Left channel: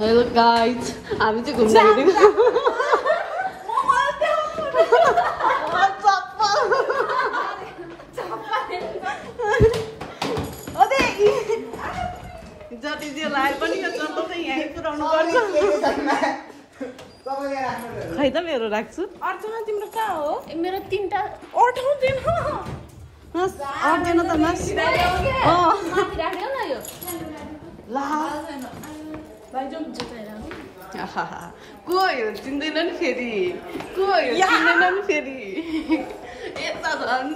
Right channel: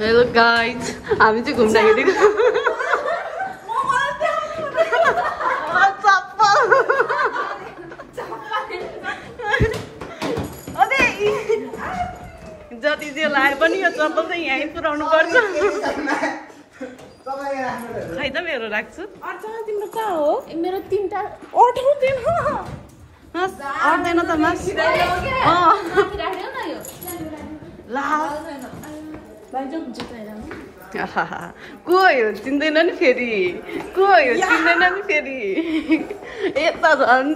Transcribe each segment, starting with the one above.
hello guys हामी चाहिँ घुम्दाखेरि जति जे लाए पनि यो चप्पल चाहिँ यहीँ पुऱ्याउनु पर्छ खै त मेरो राख्छु तिम्रो कहाँ हो मेरो 3टा अट्दैन त मास को यो चिन्दैन नि फेरि को यो चिन्दैन नि फेरि यता झन्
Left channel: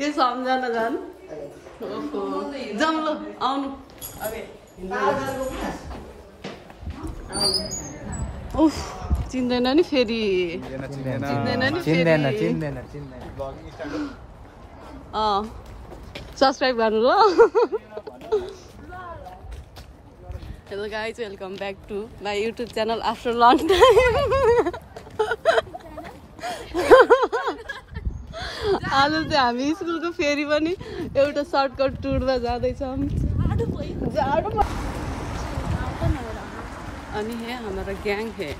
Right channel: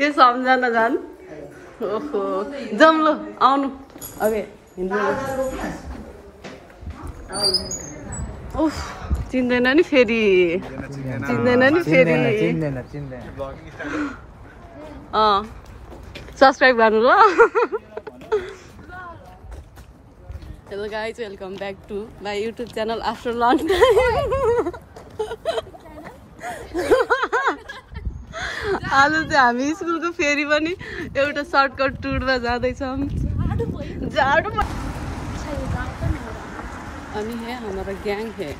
यो सम्झना झन् ओहो जाउँ ल आउनु अबे उफ चिन्दैन नि फेरि चिन्दैन नि फेरि सब्सक्राइब गर्नु ल hello guys welcome back to my YouTube channel after long time आज चाहिँ हामी स्कुलको फेरि पनि एउटा सर्टकट टुरमा जाँदैछौँ जाडो अनि है हमारा गैंग है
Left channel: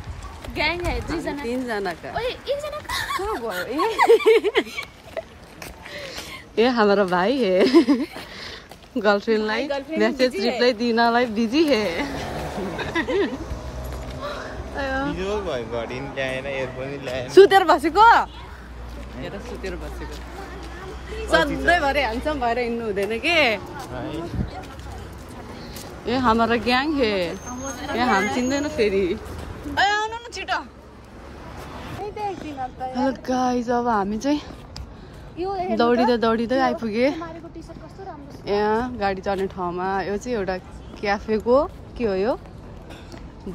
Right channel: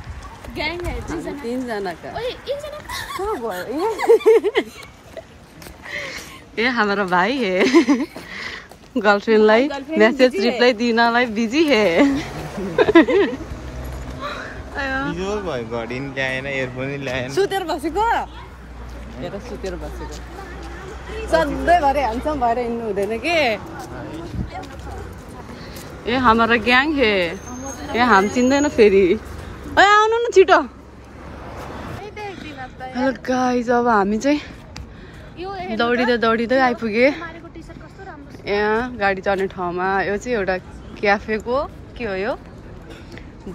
3 जना का कहाँ गयो ये हमारा भाई है गर्लफ्रेन्डलाई मेसेज रिप्लाई दिनलाई बिजी है सुतेर बसेको सुतेर बसेको सधैँभरि ह्यान्डसम भएर हिँड्नु हुँदैन के ए हमारा ग्याङ है ए हाम चिन्दैन फेरि आउनु न छिटो हेलो गाइज अब हामी चाहिँ दौडिँदै आइपुगे यहाँ गाडी चढ्ने ठाउँमा यो चाहिँ एउटा क्याफेको के हो यो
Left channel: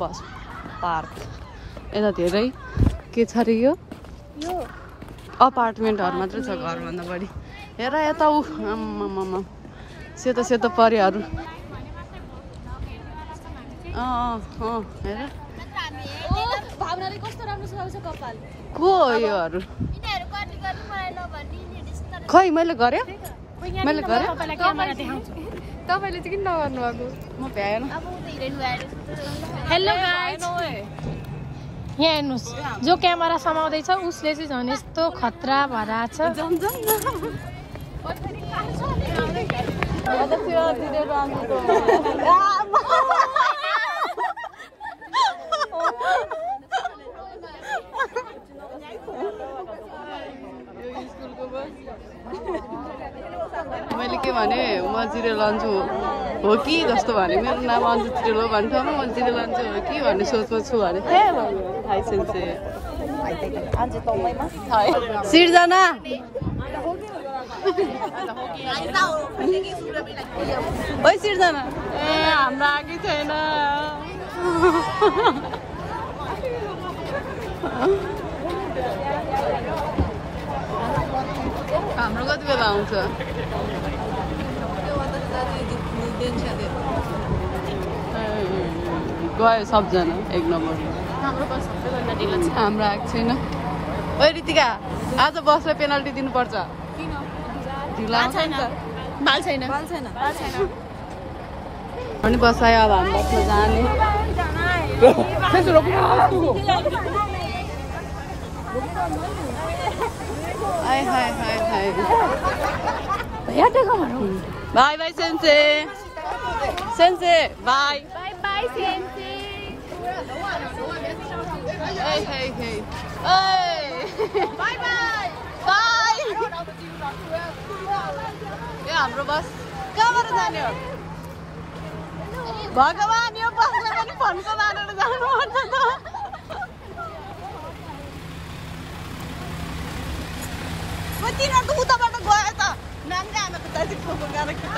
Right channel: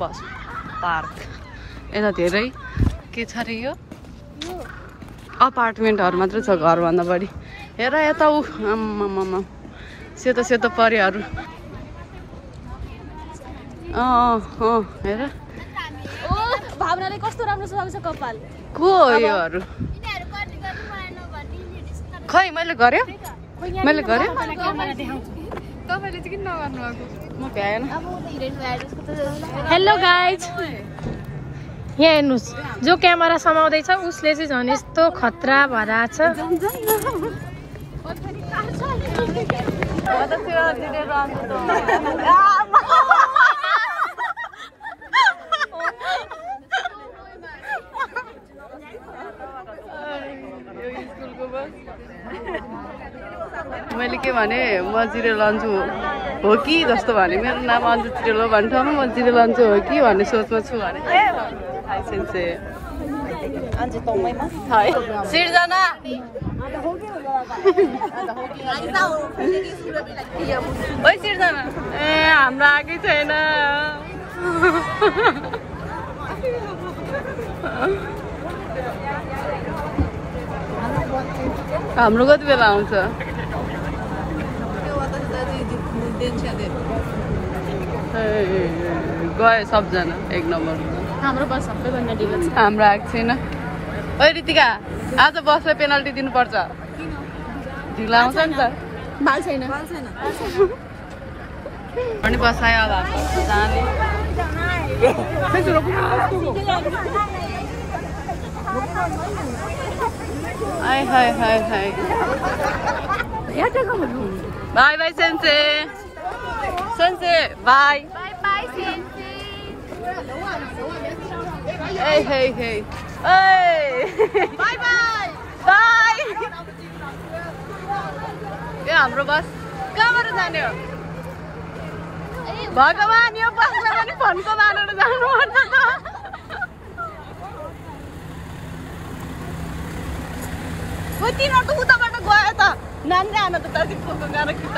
बस पार्क यता धेरै के छ अरे यो अपार्टमेन्टहरू मात्रै छ घरभन्दा बढी हेर यता ऊ आम्मामा सेतो सेतो परिहरू हेर को हो योहरू खै मैले गरेँ तपाईले चाहिँ किन नगर्नु भएको म भ्याएन हेलो गाइज यहाँ हेर्नुहोस् जो क्यामेरा समाउँदैछ उसले चाहिँ झन् यस्तो खतरा भरा छ मैले के भने म जिरेल अन्जु हो कि जस्तो भने मेरो नाम अन्जु जिरेल हो भन्ने ठाउँमा म जिरेल अन्जु हो कि भन्ने सोचमा छु भने हाई सेन्से सिर्जना ओइ सिर्जना ए हाम्रो आएकै छैन हाम्रो कति बेला आउँछ गयो सबजना 1 नम्बर हाम्रो आएको छैन ओइ रितिका आज बसलाई पेनल्टी दिनुपर्छ ढिला आउँछ नि त बाल छैन अनि बसायो अब हामी जाने हाय बाय बाय सेन्से बाय hey bye यो हाम्रो बस कहाँबाट जाने हो भगवान यो बसलाई पनि फन्को मारेर जानुपर्छ त तिनीहरू त उताबाट गयो त नानी आमा त दर्जी फोटो गएर कि त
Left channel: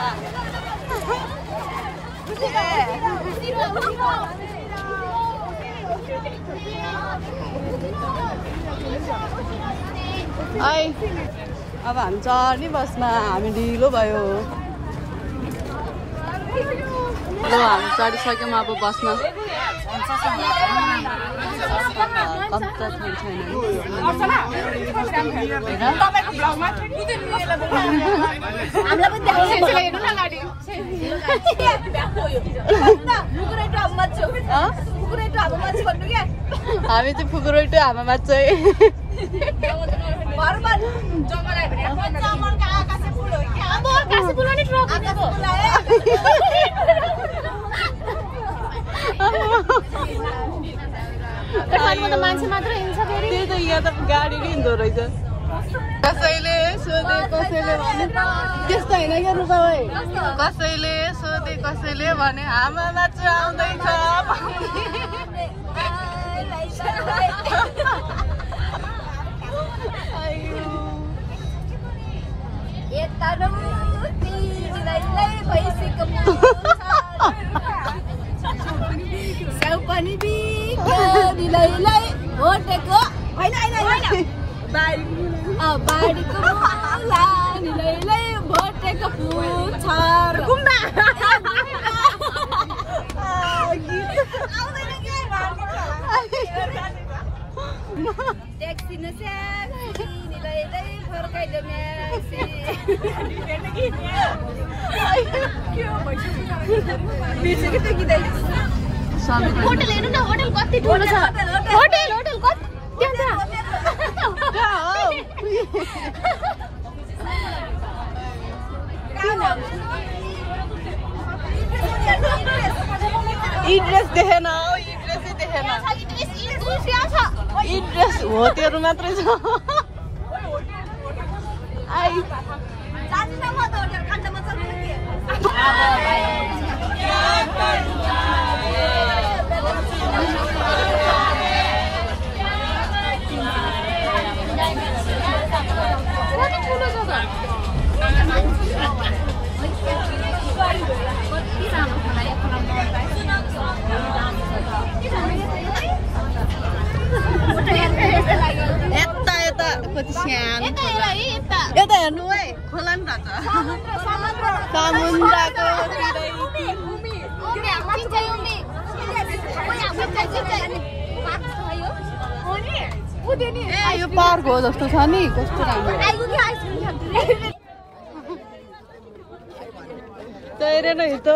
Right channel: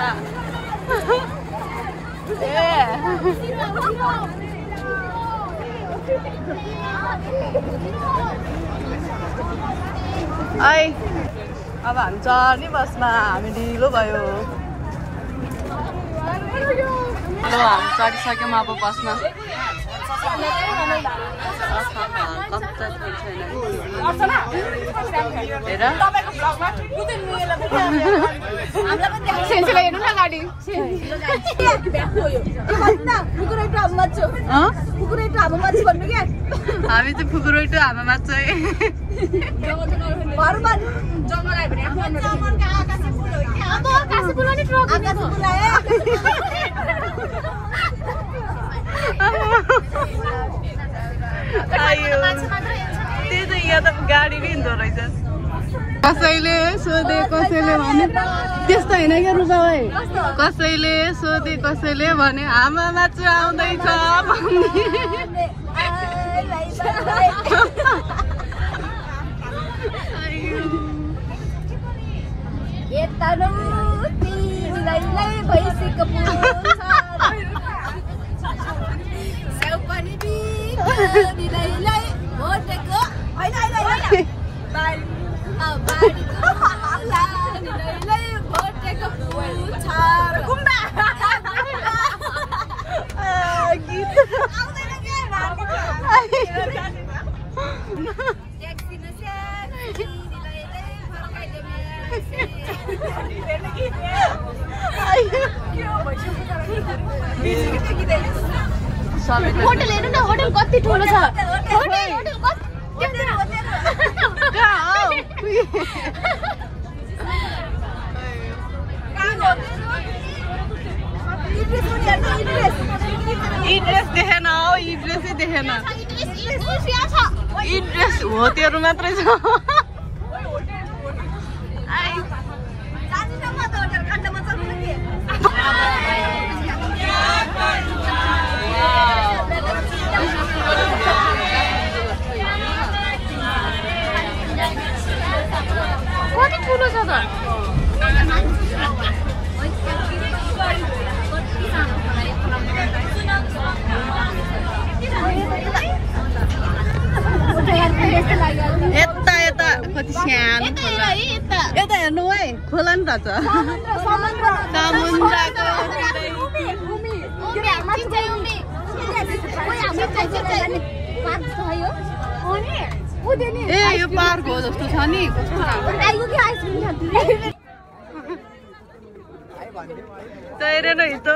अब हामी चढ्ने बसमा हामी ढिलो भयो ल हामी चढिसक्यौँ अब बसमा कच्चा छोड छैन हामी चाहिँ फुकुरेटो हामा मात्रै त्यही त यहाँ त गाडी नै हिँड्दो रहेछ कसैले सोधे कसैले भने त्यस्तो होइन के रुसाई कसैले सोधे कसैले भने आमा मात्र आउँदैछ होटल कति ठुलो छ होटल इड्रेस देखेन हो इड्रेसै देखेन इड्रेस हो त्योहरू मात्रै छ कति ठुलो छ त यता यता कति सानो खोला यता हेर्नु है खोला नि रहेछ ए यो पार्क हो जस्तो छ नि कस्तो राम्रो तैरे नै त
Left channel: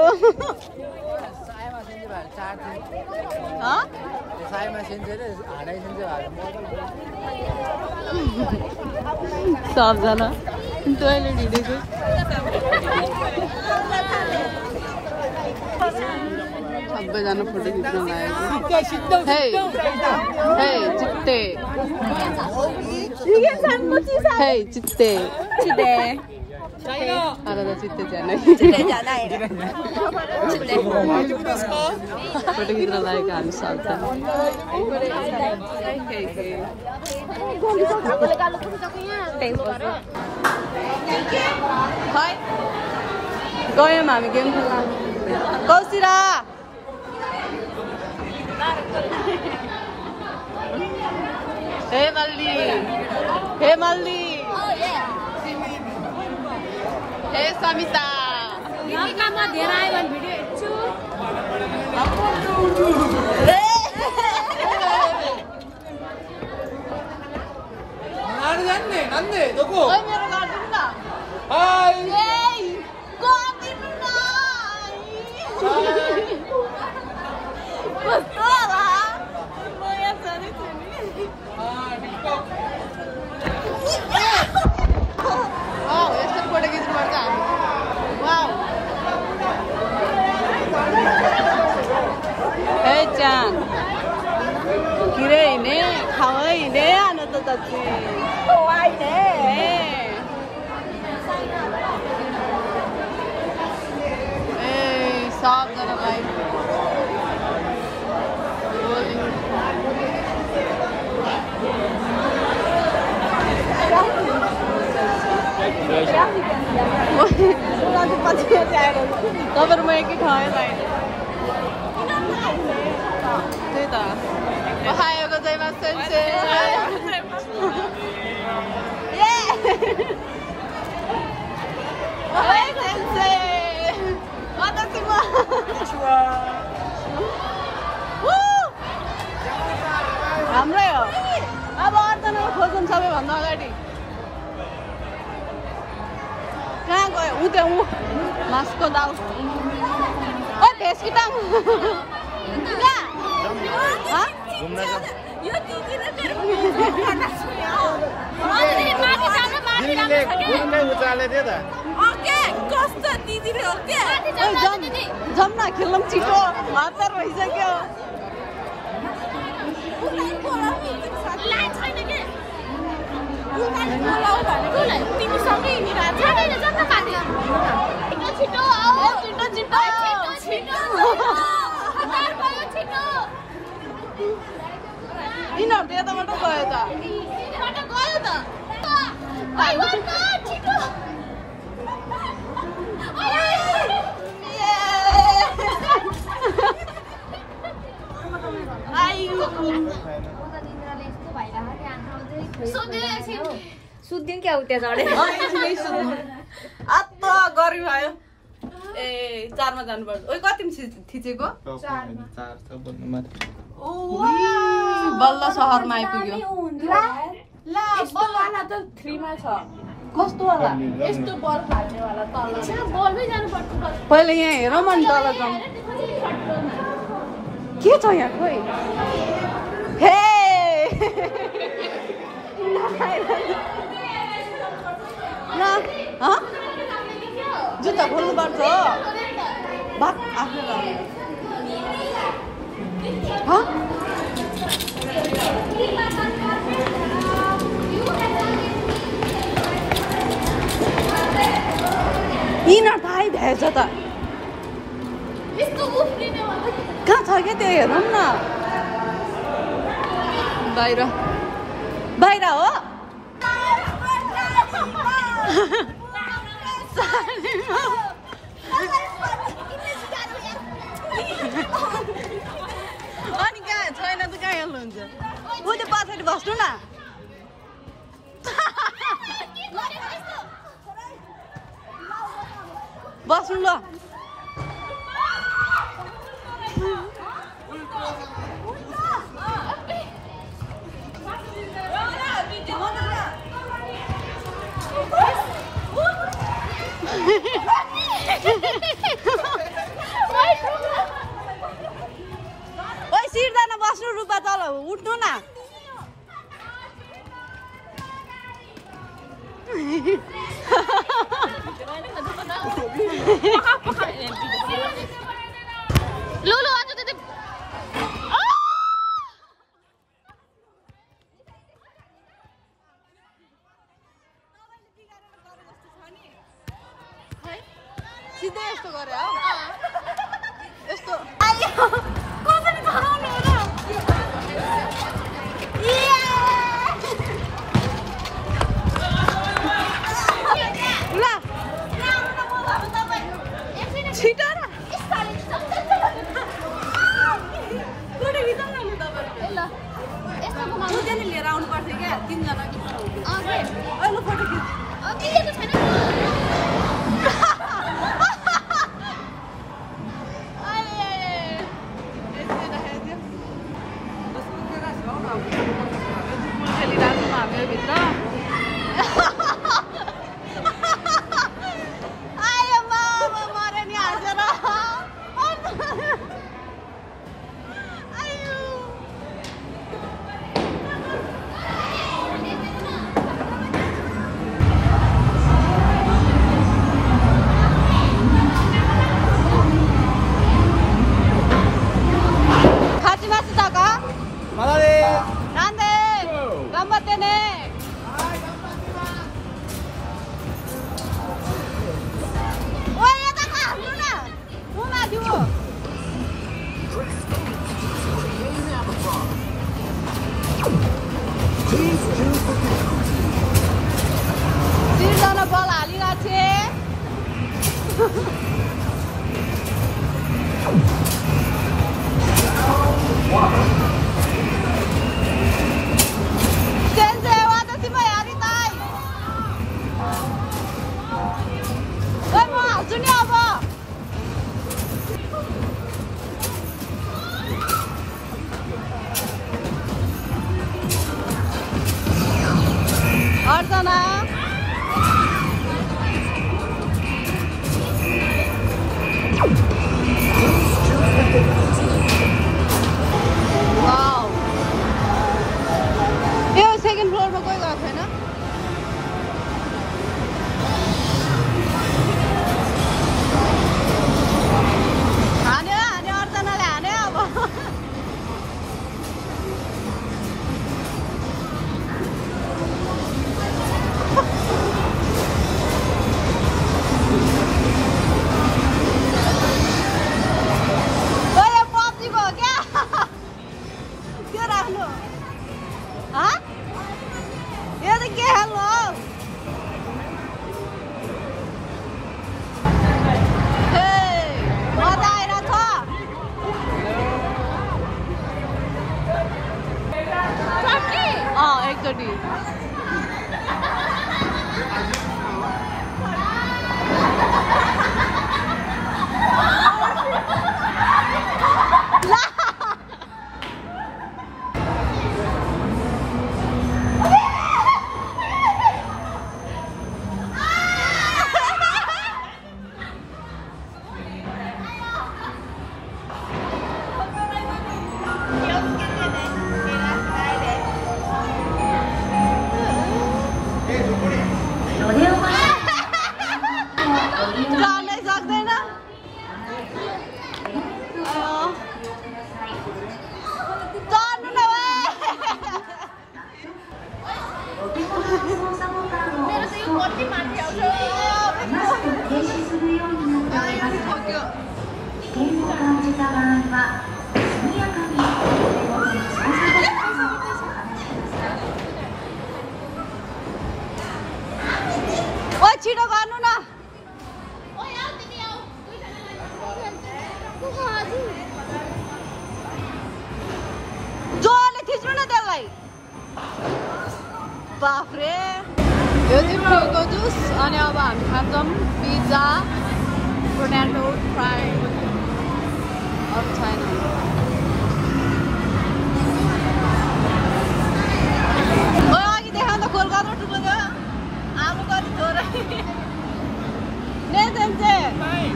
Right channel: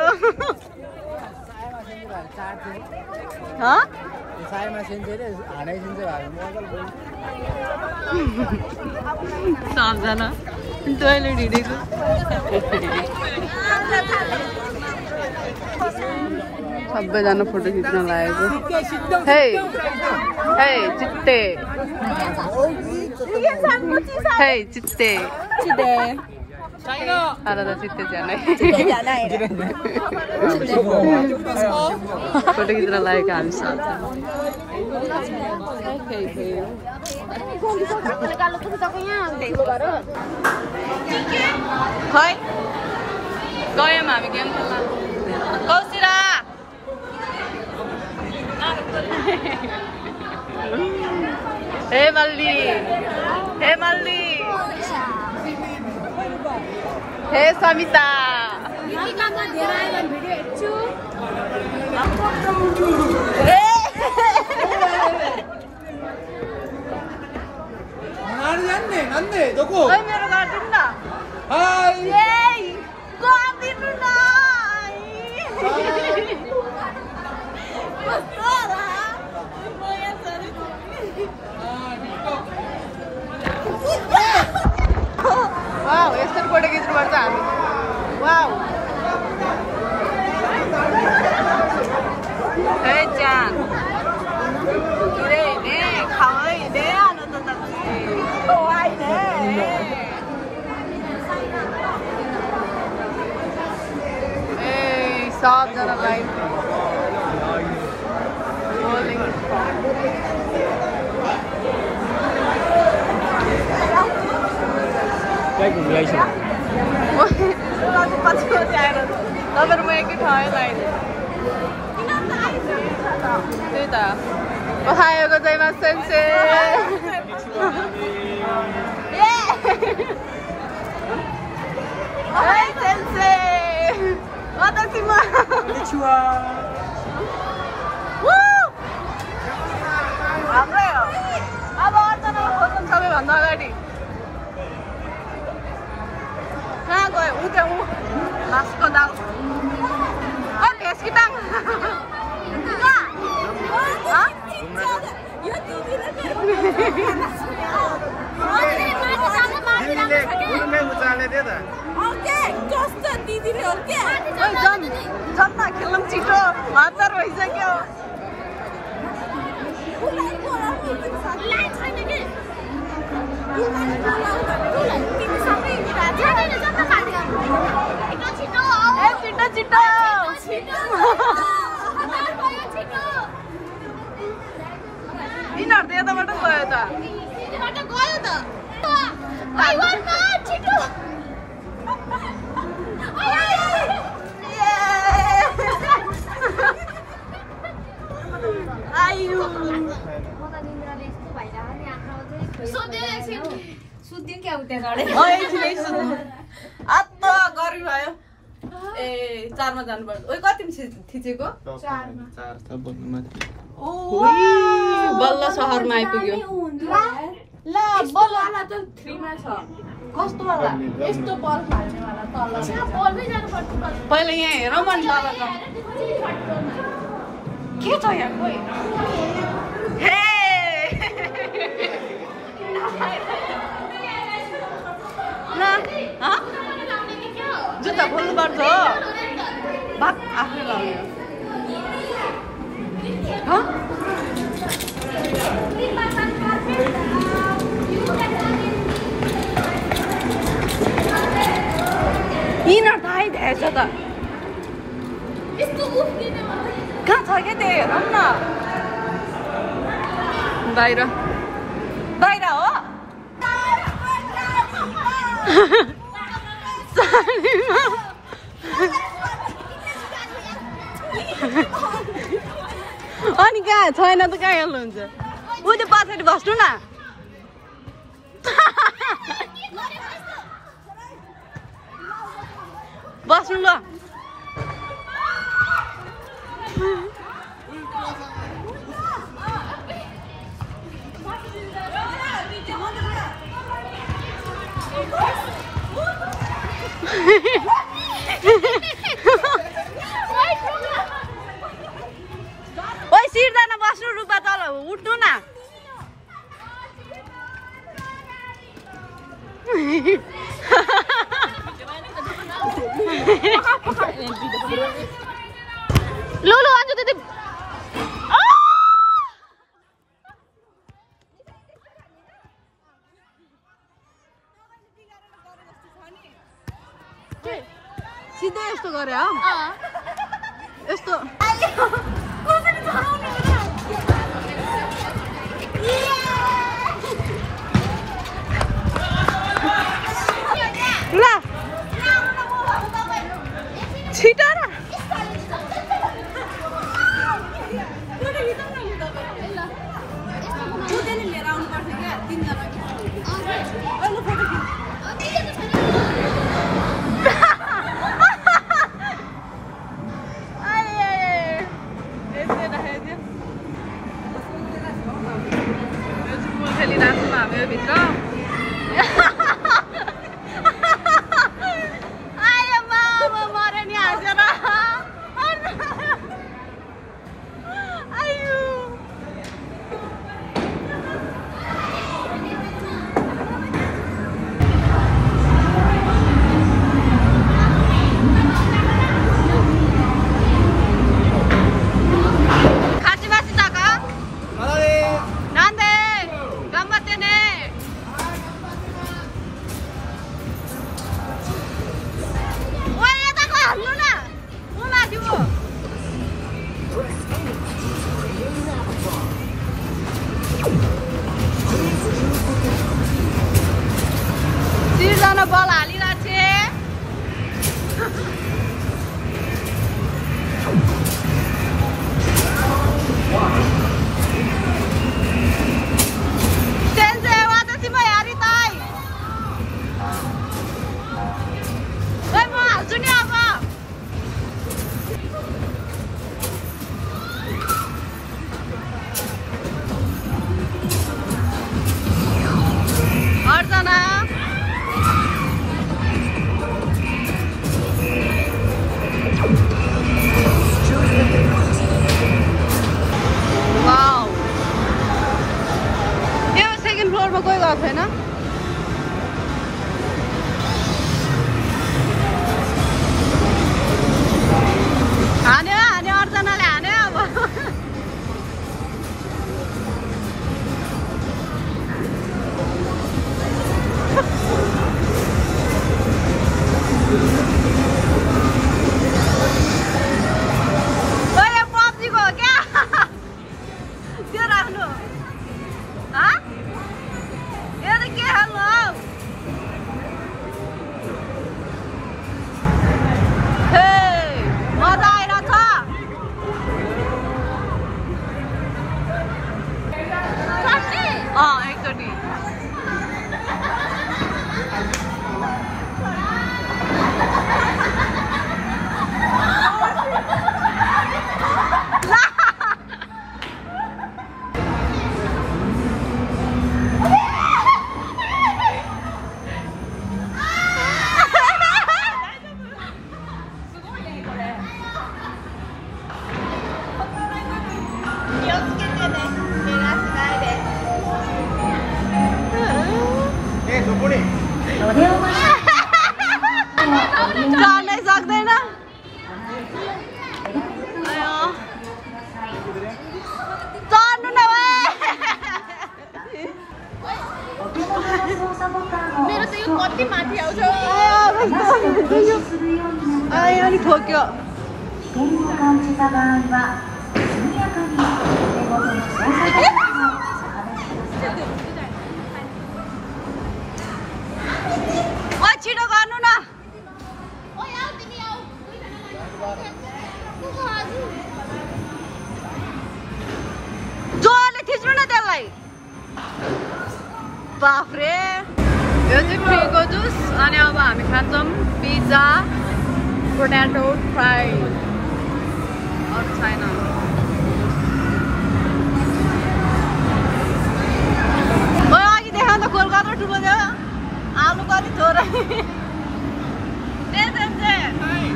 सबजना टोइलेट हिँडेको सबैजना फोटो खिच्न लागेको हे हे चित्ते हे चित्ते चित्ते आला त चित्ते जानै फोटो खिच्न लागेको हामी सबजना खै गयौँ हामी गेम कौशिरा हे मल्ली हे समिता धेरै आयो भने भिडियो हेर्छु मेरो गरिदिनु न गरिदिनु न यस्तो फोटो खिच्नुपर्छ हामी वाउ हे जान किरे हिँडे खावै हिँडे आनन्द दाजु ए सबजनालाई तपाईँहरू म एकै ठाउँ बाहिर त्यही त पखाएको चाहिँ मासुल्से गाडी कहाँ गयो ऊ त्यो ऊ मासको दाउ ओ भेसकी ताङ यो दिदीले कस्तो दिदीले हो क्या जम्मा खेल्न छिटो हतार भइसक्यो यिनीहरू त यताबाट गयो त सुत्दिउँ क्या उता चढे आत्ता गरी भयो ए 4 मा जानुपर्छ ओइ कति थिचेको बल्ल सहरमा आइपुग्यो बलवाला त 3 मा छ कस्तो वाला यस्तो बल फाल्ने वाला तल बलमै जानु पर्छ पहिले यहाँ रमन के छ यहाँ खोइ हे जुत्ता खोल्नु पर्छ हो भाग आफै लाग्यो यिनीहरू त आइभएछ त कहाँ छ क्या त्यो हेरौँ न बाहिर बाहिर हो अनि कहाँ छैन त कहाँ हेर्नुहुन्छ ऊ त्यो पछाडि बस्नु न बस्नु ल ओइ सिर्जना बस्नु रुपा तल उठ्नु न लो लो अन्जु दिदी सिधै यस्तो गरे हो यस्तो ल छिटो न लिएर आउनु पर्छ क्या 3 जना फोटो खिच्नु चढ्नु न अलिक ठोक्यो ओ छिटो गर्नु न जोले थिच्नु न त्यसलाई बाफ्रे यो चाहिँ फ्रीको जुस अनि अब हामी खान्छौँ पिज्जा पोट्याटो फ्राई अरू छैन अघि देखा त खोल कत्रो ठुलो थियो आलु कति थोरै नेजेन्से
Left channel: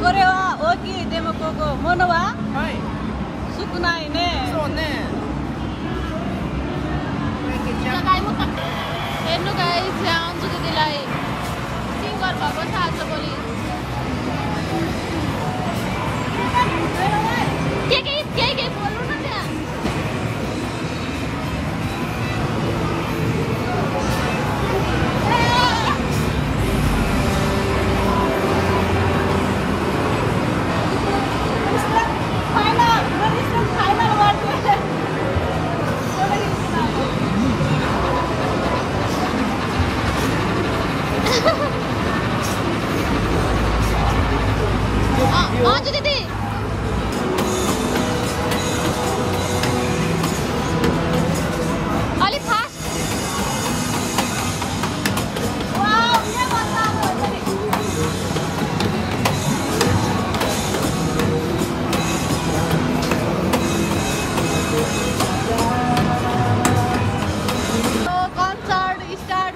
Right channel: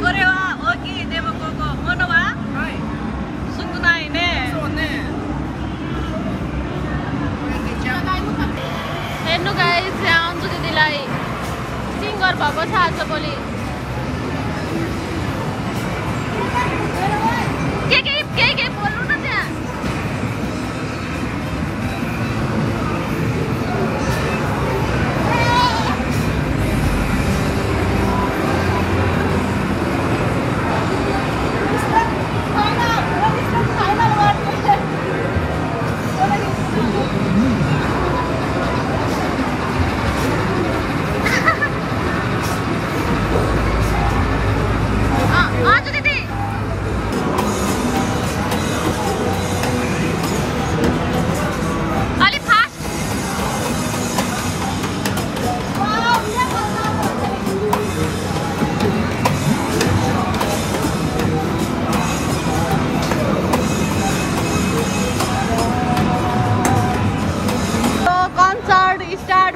कोरे हो कि देवको मनोवा सुकुनाइ ने हेर्नु गाइस यहाँ अन्सु दिदीलाई सिङ्गर भएको छ आज पनि के बोल्नु न त्यहाँ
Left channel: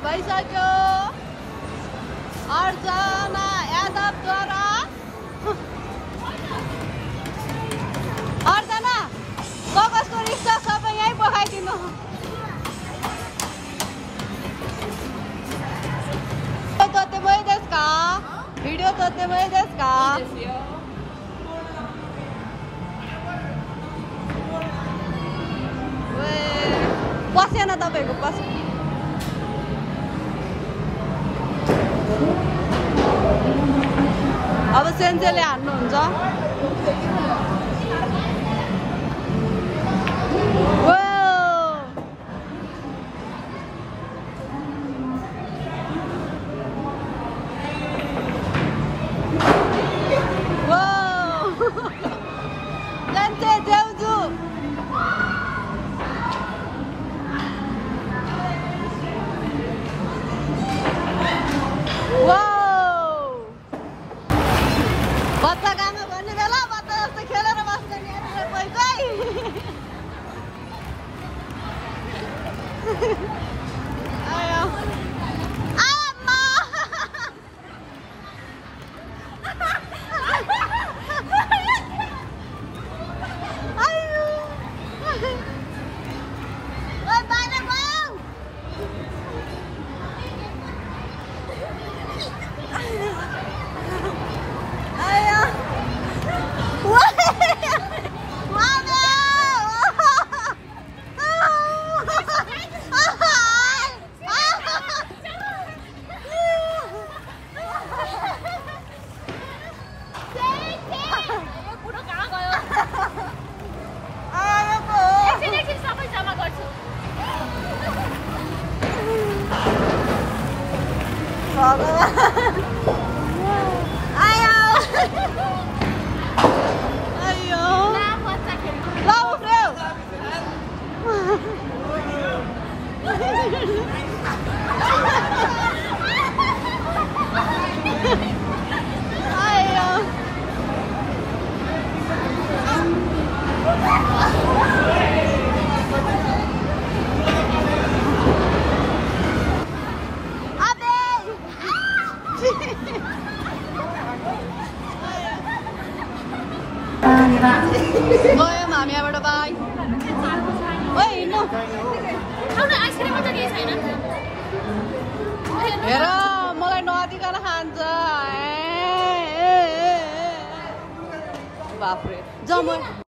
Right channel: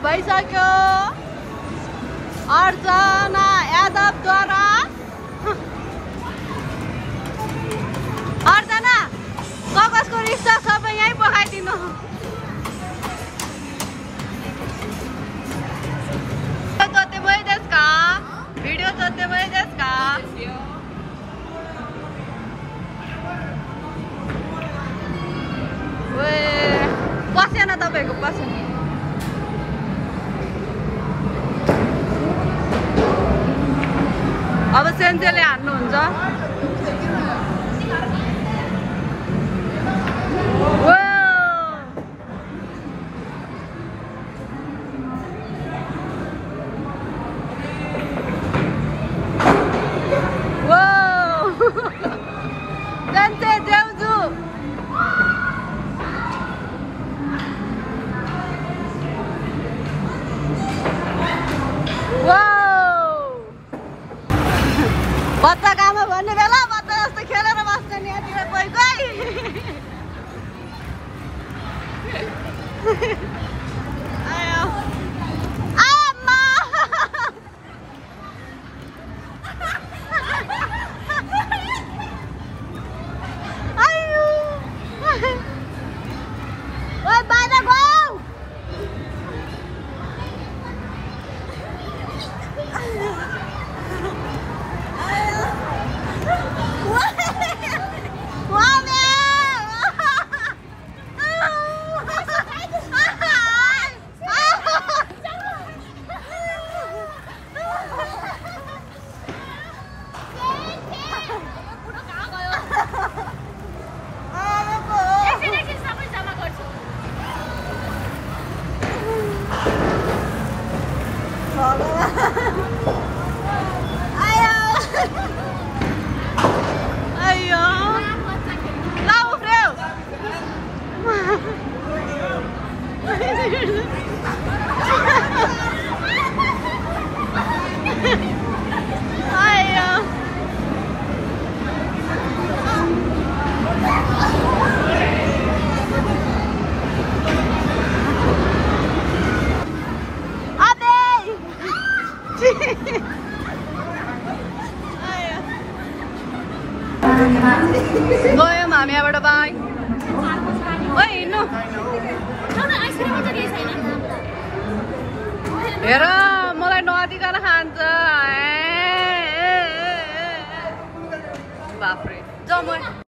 भइसक्यो अर्चना यादवद्वारा अर्चना कगजको रिस्ता सबै यहीँ पखाइदिनु तोतेमै देशका भिडियो तोतेमै देशका पसेन तपाईँको पसेन अब सेन्सेले हान्नुहुन्छ सेन्से देउजु बच्चा काममा भन्ने बेला बच्चा जस्तो खेलेर बस्ने नि यतिखेर आयो आमा आयो ओइ बाजा गाउ गयो हामीबाट बाई ओइ हिँड्नु हेर मलाई नदिकन खान्छ बाफ्रे जम